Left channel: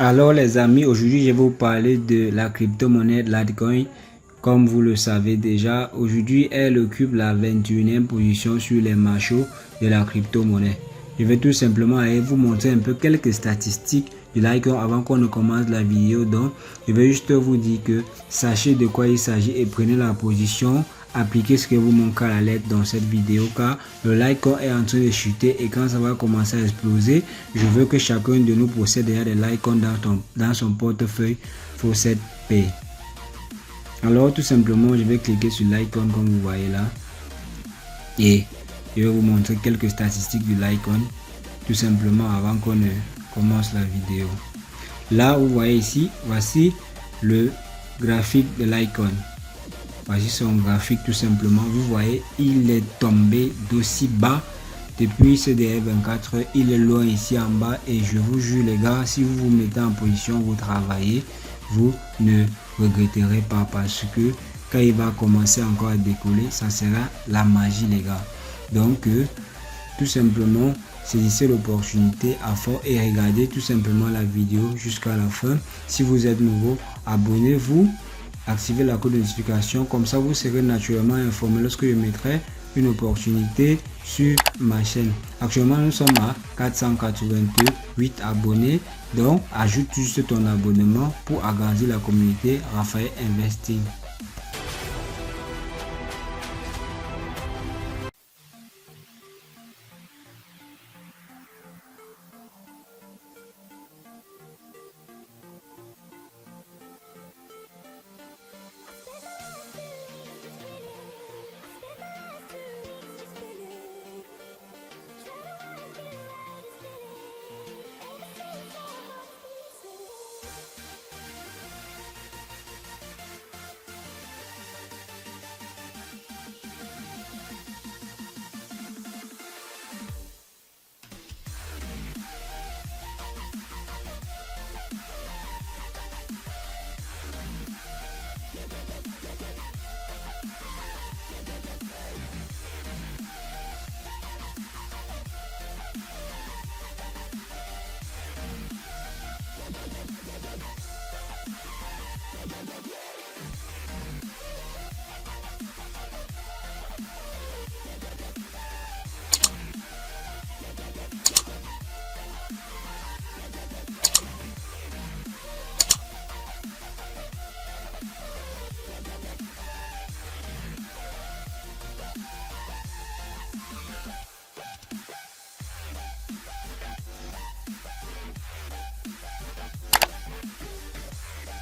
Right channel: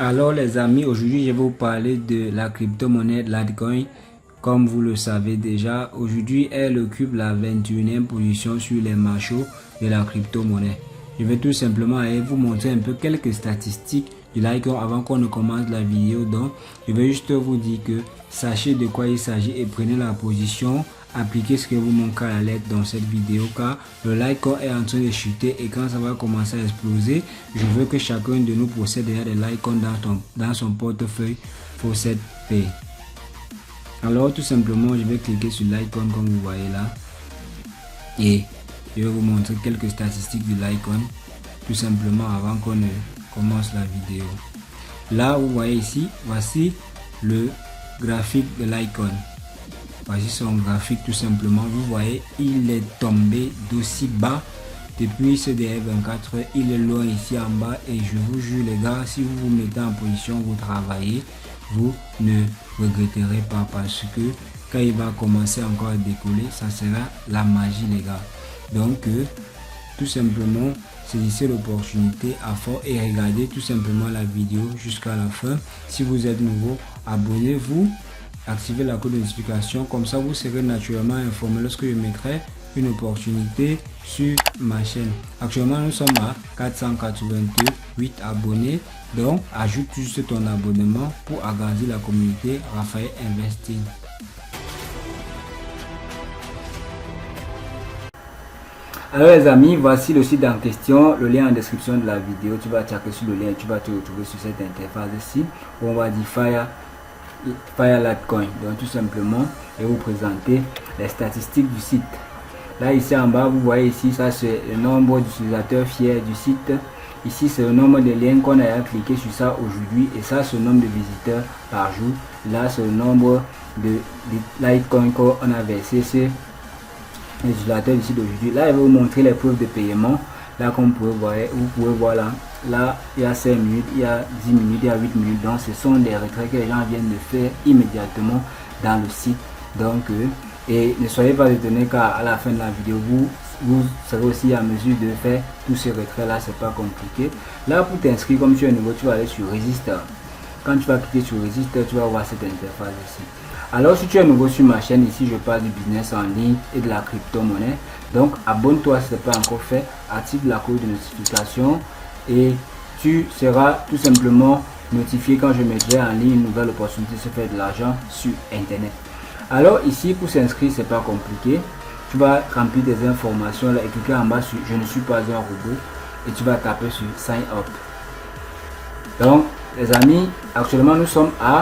Alors les amis, aujourd'hui je vais vous parler de la crypto-monnaie Litecoin. Comme vous le savez déjà, aujourd'hui elle occupe la 21e position sur les marchés de la crypto-monnaie. Je vais tout simplement aller vous montrer un peu quelques statistiques du Litecoin avant qu'on ne commence la vidéo. Donc je vais juste vous dire que sachez de quoi il s'agit et prenez la position. Appliquez ce que vous montre à la lettre dans cette vidéo car le Litecoin est en train de chuter et quand ça va commencer à exploser, je veux que chacun de nous possède déjà des Litecoin dans son portefeuille pour cette paix. Alors tout simplement je vais cliquer sur Litecoin comme vous voyez là et je vais vous montrer quelques statistiques du Litecoin tout simplement avant qu'on ne commence la vidéo. Là vous voyez ici, voici le graphique de Litecoin. Voici son graphique tout simplement. Vous voyez, il est tombé d'aussi bas depuis ce dernier 24 heures. Il est loin ici en bas et je vous jure les gars, si vous vous mettez en position, vous travaillez, vous ne regretterez pas parce que quand il va commencer encore à décoller, ça sera la magie les gars. Donc tout simplement, saisissez l'opportunité à fond et regardez tout simplement la vidéo jusqu'à la fin. Si vous êtes nouveau, abonnez-vous. Activez la code de notification, comme ça vous serez naturellement informé lorsque je mettrai une opportunité sur ma chaîne. Actuellement nous sommes à 488 abonnés, donc ajoute juste ton abonnement pour agrandir la communauté Raphaël Investing. Alors les amis, voici le site en question, le lien en description de la vidéo. Tu vas checker sur le lien et tu vas te retrouver sur cette interface ici où on va dire Fire Litecoin. Donc tout simplement je vais vous présenter les statistiques du site. Là ici en bas vous voyez ici, ça c'est le nombre d'utilisateurs fiers du site. Ici c'est le nombre de liens qu'on a cliqué sur ça aujourd'hui et ça c'est le nombre de visiteurs par jour. Là c'est le nombre de Litecoin qu'on a versé c'est les utilisateurs du site d'aujourd'hui. Là je vais vous montrer les preuves de paiement. Là comme vous pouvez voir là il y a 5 minutes, il y a 10 minutes, il y a 8 minutes. Donc ce sont des retraits que les gens viennent de faire immédiatement dans le site. Donc et ne soyez pas étonnés car à la fin de la vidéo vous serez aussi en mesure de faire tous ces retraits là, c'est pas compliqué. Là pour t'inscrire, comme tu es nouveau, tu vas aller sur Register. Quand tu vas cliquer sur Register, tu vas voir cette interface ici. Alors si tu es nouveau sur ma chaîne, ici je parle du business en ligne et de la crypto-monnaie. Donc abonne-toi si ce n'est pas encore fait, active la cloche de notification et tu seras tout simplement notifié quand je mettrai en ligne une nouvelle opportunité de se faire de l'argent sur internet. Alors ici pour s'inscrire c'est pas compliqué, tu vas remplir des informations là et cliquer en bas sur je ne suis pas un robot et tu vas taper sur sign up. Donc les amis, actuellement nous sommes à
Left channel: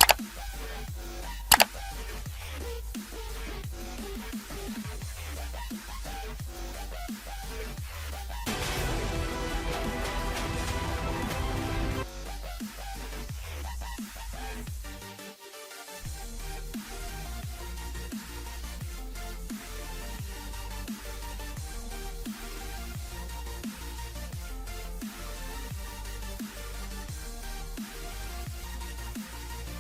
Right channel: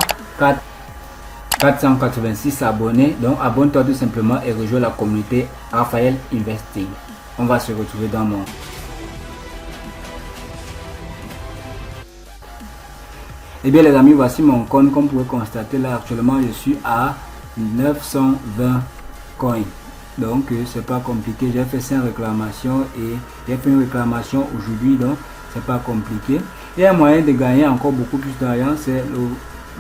486 abonnés, donc abonne-toi tout simplement et rejoins la communauté Raphaël Investing. On va se retrouver dans mon... Et bien les amis, voici mon compte. Comme vous pouvez constater là actuellement je suis à 920 coins. Donc c'est pas compliqué, j'ai fait 5 réclamations et j'ai fait une réclamation aujourd'hui, donc c'est pas compliqué. Il y a un moyen de gagner encore beaucoup plus d'argent, c'est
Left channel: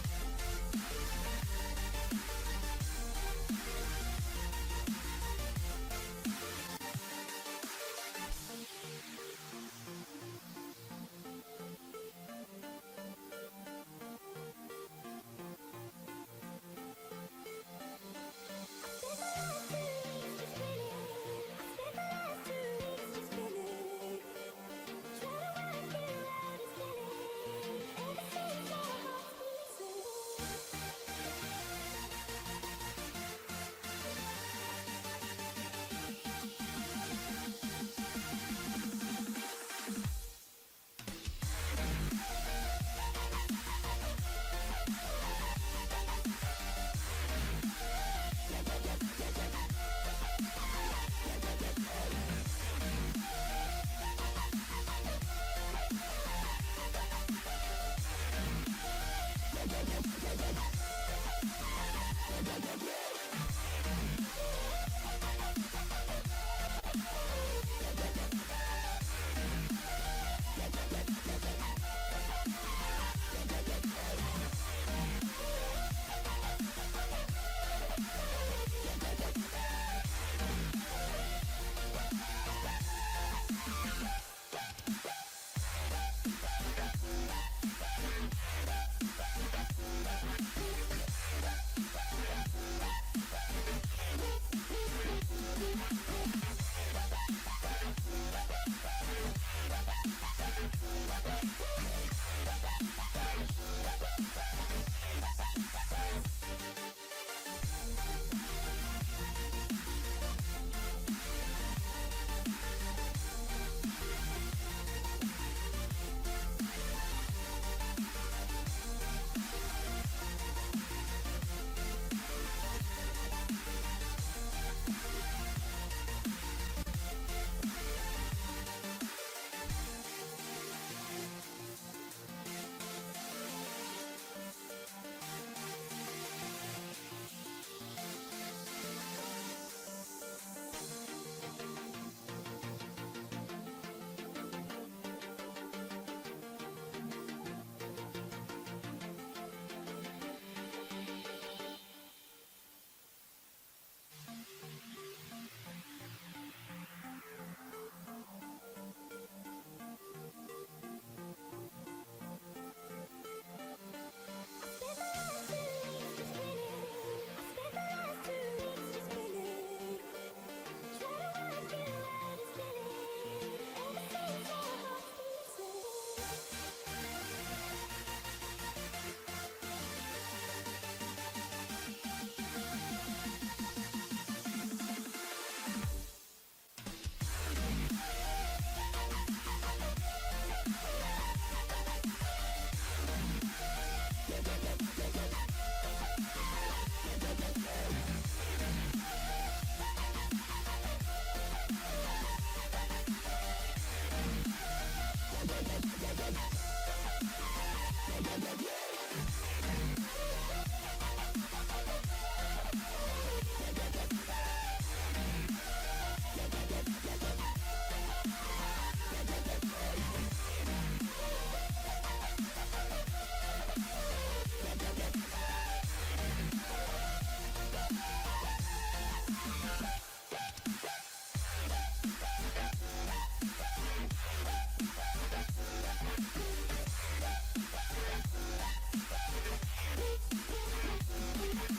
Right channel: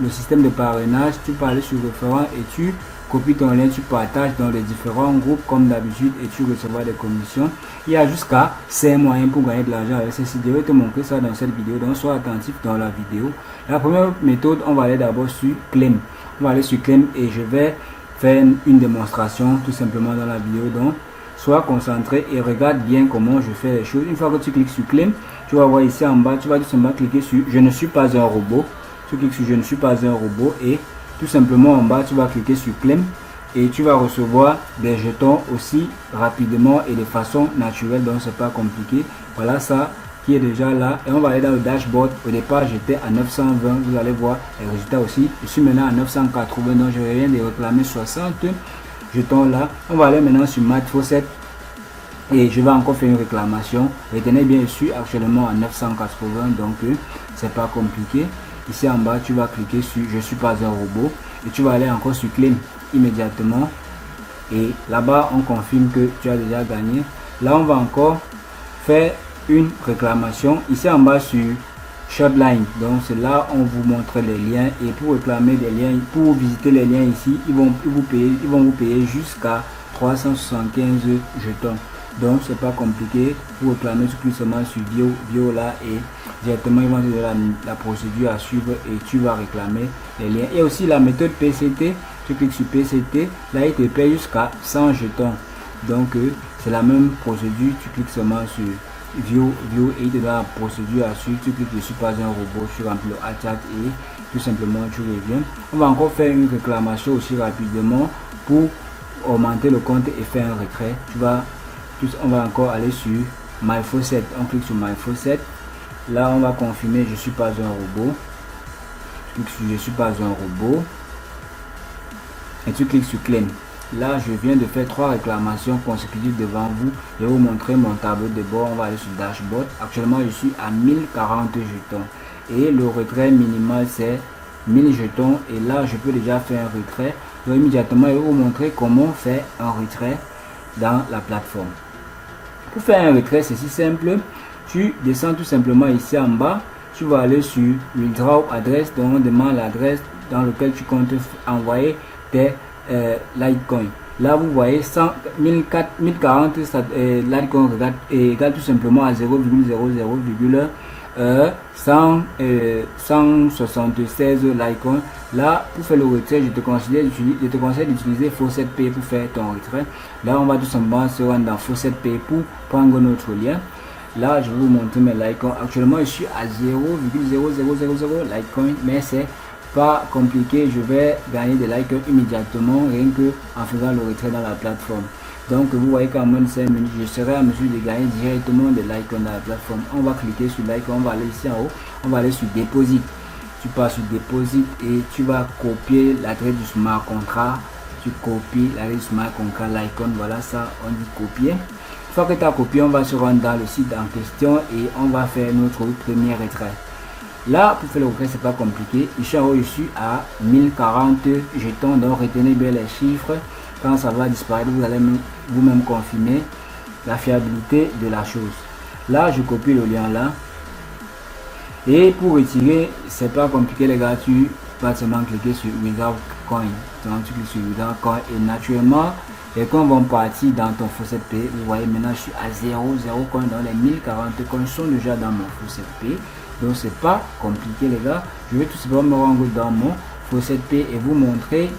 le système de parrainage. Tu peux aller sur référent et tu copies ton lien, tu partages dans les différents groupes comme d'habitude et tu recevras des commissions. Il y a jusqu'à 5 moyens pour gagner de l'argent avec ceci. Je vais te montrer ça dans cette vidéo, donc sois attentif dans la vidéo. La première méthode, on va aller d'abord sur Claim. On va aller sur Claim et je vais faire une démonstration tout simplement dans la vidéo. Donc sois concentré et regarde bien comment je fais les choses. Une fois que tu cliques sur Claim, tu vas voir ici en bas, tu vas tout simplement cliquer sur je ne suis pas un robot. Tu cliques sur je ne suis pas un robot et tout simplement en bas tu vas cliquer sur Claim et tu vas recevoir des jetons aussi rapidement et de façon naturelle, donc c'est pas compliqué. Voilà ça qui est déjà là et on va aller dans le dashboard. Au départ j'étais à 920, vous allez voir les résultats aussi. Je suis maintenant à 980, donc je viens de réclamer 60 jetons là. On va aller maintenant sur Matt Fawcett et je vais encore faire une réclamation. Retenez bien, je suis actuellement à 980, donc c'est pas compliqué. Ici en bas tu vas cliquer sur je suis pas un robot et tu vas aller encore sur Claim immédiatement et là-bas on confirme que tu as déjà gagné. Là on va encore faire une réclamation ici en bas sur Shortline, donc c'est là on vous montre les liens et pour réclamer des liens, pour visiter les liens ici, ils vont vous payer jusqu'à 375 jetons. Donc c'est pas compliqué. Pour réclamer, tu cliques seulement sur View là et directement ils vont te donner la procédure à suivre et tu vas réclamer les liens. Et aussi la méthode PCT, tu cliques sur PCT, là il te paye jusqu'à 100 jetons. Donc c'est la même procédure, tu cliques seulement sur View et il te donne la procédure à suivre, tu cliques dessus pas un robot, tu remplis le chat et tout simplement tu reviens. On va encore faire une réclamation aussi rapidement pour augmenter le compte et faire un retrait. On va encore aller sur My Faucet, on clique sur My Faucet, là on va confirmer je suis pas un robot, tu cliques sur je suis pas un robot et tu cliques sur Claim. Là je viens de faire 3 réclamations consécutives devant vous. Je vais vous montrer mon tableau de bord. On va aller sur Dashboard. Actuellement je suis à 1040 jetons et le retrait minimal c'est 1000 jetons et là je peux déjà faire un retrait. Donc immédiatement je vais vous montrer comment faire un retrait dans la plateforme. Pour faire un retrait c'est si simple, tu descends tout simplement ici en bas, tu vas aller sur Withdraw Address, donc on demande l'adresse dans laquelle tu comptes envoyer tes Litecoin. Là vous voyez 1040 Litecoin égale tout simplement à 0,00,176 Litecoin. Là pour faire le retrait je te conseille d'utiliser Faucet Pay pour faire ton retrait. Là on va tout simplement se rendre dans Faucet Pay pour prendre notre lien. Là je vais vous montrer mes Litecoin. Actuellement je suis à 0,0000 Litecoin, mais c'est pas compliqué, je vais gagner des likes immédiatement rien que en faisant le retrait dans la plateforme. Donc vous voyez qu'en moins de 5 minutes je serai en mesure de gagner directement des likes dans la plateforme. On va cliquer sur like, on va aller ici en haut, on va aller sur Deposit. Tu pars sur Deposit et tu vas copier l'adresse du smart contract. Tu copies l'adresse du smart contract Litecoin, voilà ça on dit copier. Une fois que tu as copié, on va se rendre dans le site en question et on va faire notre premier retrait. Là pour faire le retrait c'est pas compliqué, ici en haut je suis à 1040 jetons, donc retenez bien les chiffres. Quand ça va disparaître vous allez vous-même confirmer la fiabilité de la chose. Là je copie le lien là et pour retirer c'est pas compliqué les gars, tu vas seulement cliquer sur Without Coin, donc tu cliques sur Without Coin et naturellement les coins vont partir dans ton Faucet Pay. Vous voyez maintenant je suis à 0 coin, dans les 1040 coins sont déjà dans mon Faucet Pay. Donc c'est pas compliqué les gars, je vais tout simplement me rendre dans mon Faucet Pay et vous montrer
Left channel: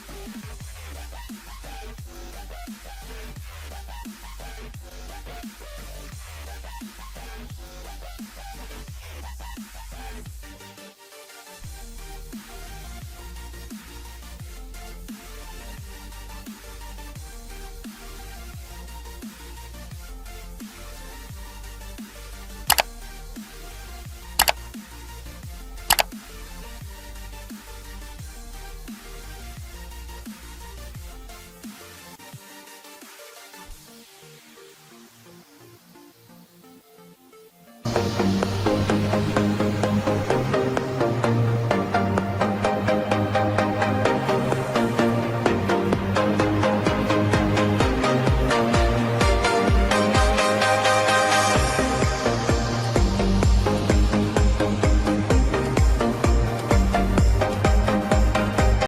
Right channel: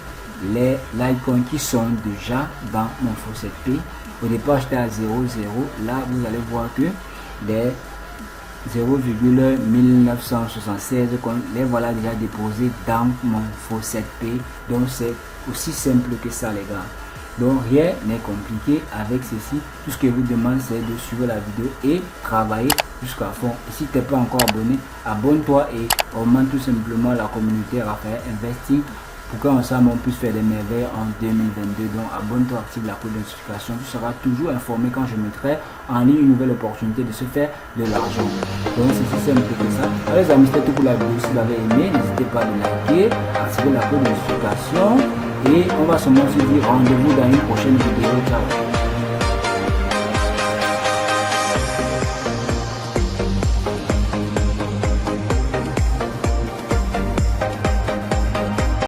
les Litecoin qui sont déjà dans mon Faucet Pay. Au départ j'étais à 0,0, là vous allez voir que les 0,1976 les voilà déjà déposés dans mon Faucet Pay. Donc c'est aussi simple que ça les gars. Donc rien n'est compliqué avec ceci. Tout ce que je vous demande c'est de suivre la vidéo et travailler jusqu'à fond. Et si tu n'es pas encore abonné, abonne-toi et augmente tout simplement la communauté Raphaël Investing pour qu'ensemble on puisse faire des merveilles en 2022. Donc abonne-toi, active la cloche de notification. Tu seras toujours informé quand je mettrai en ligne une nouvelle opportunité de se faire de l'argent. Donc c'est si simple que ça. Les amis, c'était tout pour la vidéo. Si vous l'avez aimé, n'hésitez pas à liker, activer la cloche de notification et on va se montrer